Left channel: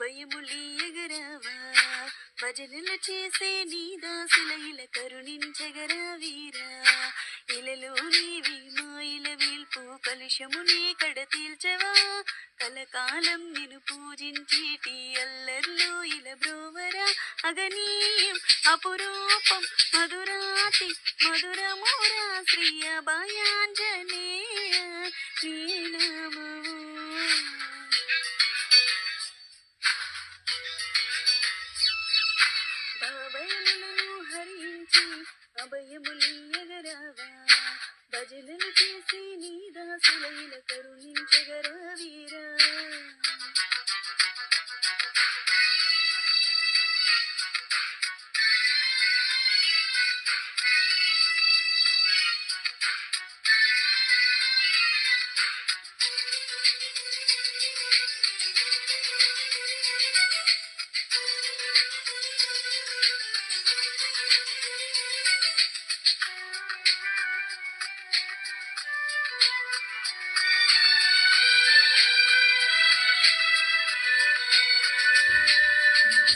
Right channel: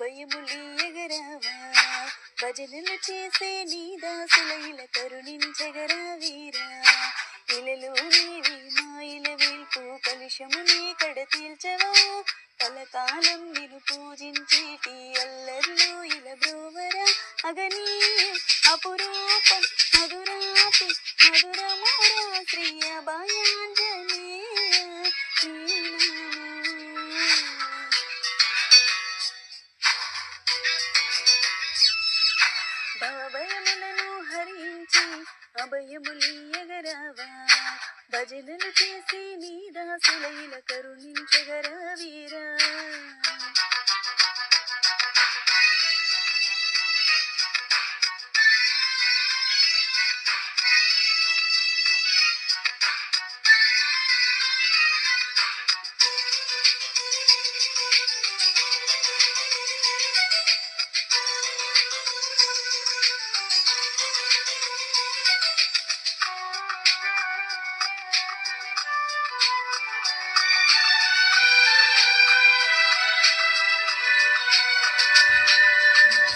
అభయములీయగరావా భజనలు చేసే నీ దాసుల ఇల కరుణించగరా వీరా ఇలలో నీవి మాయిల వీల్పు కలుషము నీ కడ తీల్చవా కలకాలం నిన్ను పూజించేటి అల్లర్లు ఇల బ్రోవరా అగనీయం అపురూపం మధురాతి మధురమోరా శ్రీ అభయాంజనేయ భవభయములను హరించి అభయములీయగరావా భజనలు చేసి నీ దాసుల ఇల కరుణించగరా వీరా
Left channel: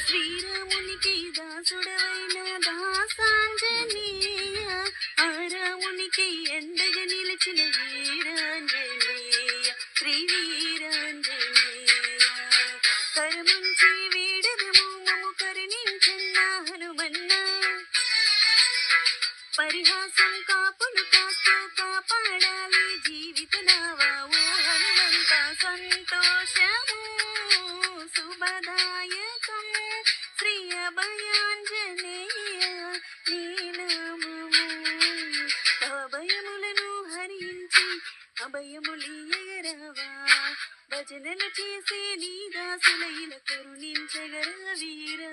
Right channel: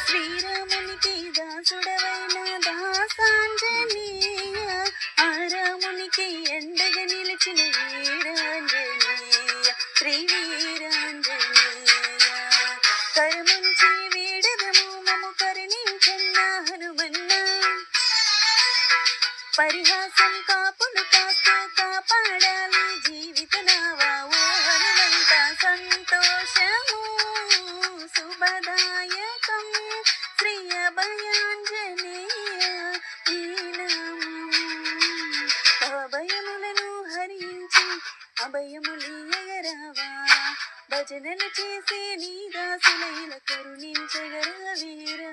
శ్రీరామునికి దాసుడవైన దాసాంజనేయ ఆరామునికి ఎండగా నిలిచిన వీరాంజనేయ శ్రీ వీరాంజనేయ కరముంచి వీడదము మము కరుణించన్న హనుమన్న పరిహాసం కాపులు కాస్తూ కాపాడాలి జీవిత నావా ఓ హనుమంత సంతోషము శుభదాయకం శ్రీ అభయాంజనేయ నీ నామము భవభయములను హరించి అభయములీయగరావా భజనలు చేసే నీ దాసుల ఇల కరుణించగరా వీరా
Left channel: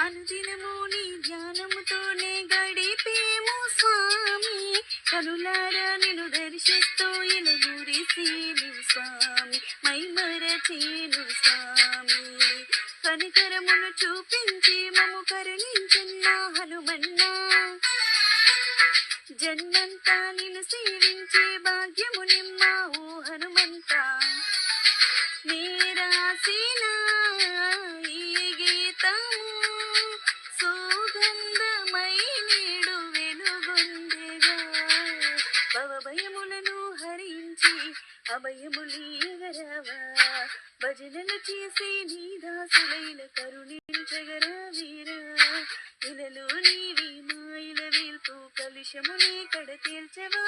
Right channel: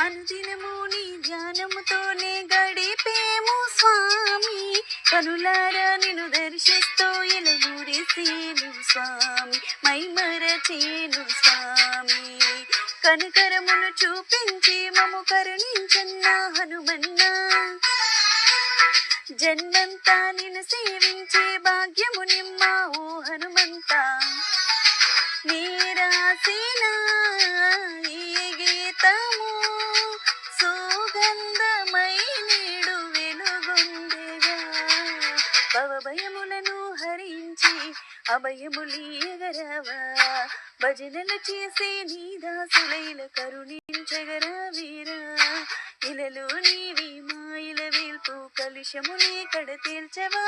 అనుదినము నీ ధ్యానముతోనే గడిపేము స్వామి కనులారా నిన్ను దర్శిస్తూ ఎలగురిసేను స్వామి మైమరచేను స్వామి కనికరమును చూపించి మము కరుణించన్న హనుమన్న జన్మంతా నిన్ను సేవించే భాగ్యము నిమ్మ ఓ హనుమంత నీరాసిన ఈ గీతము సుగంధమై నీడు వెలుగొందెగా భవభయములను హరించి అభయములీయగరావా భజనలు చేసే నీ దాసుల ఇల కరుణించగరా వీరా ఇలలో నీవి మాయిల వేల్పు కలుషము నీ కడ తీల్చవా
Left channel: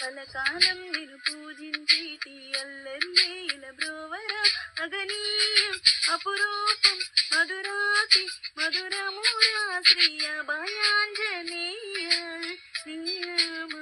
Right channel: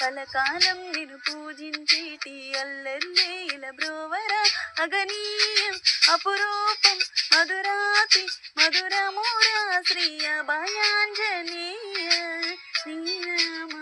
కలకాలం నిన్ను పూజించేటి అల్లర్లే ఇల బ్రోవరా అగనీయం అపురూపం మధురాతి మధురమోరా శ్రీ అభయాంజనేయ నీ నామము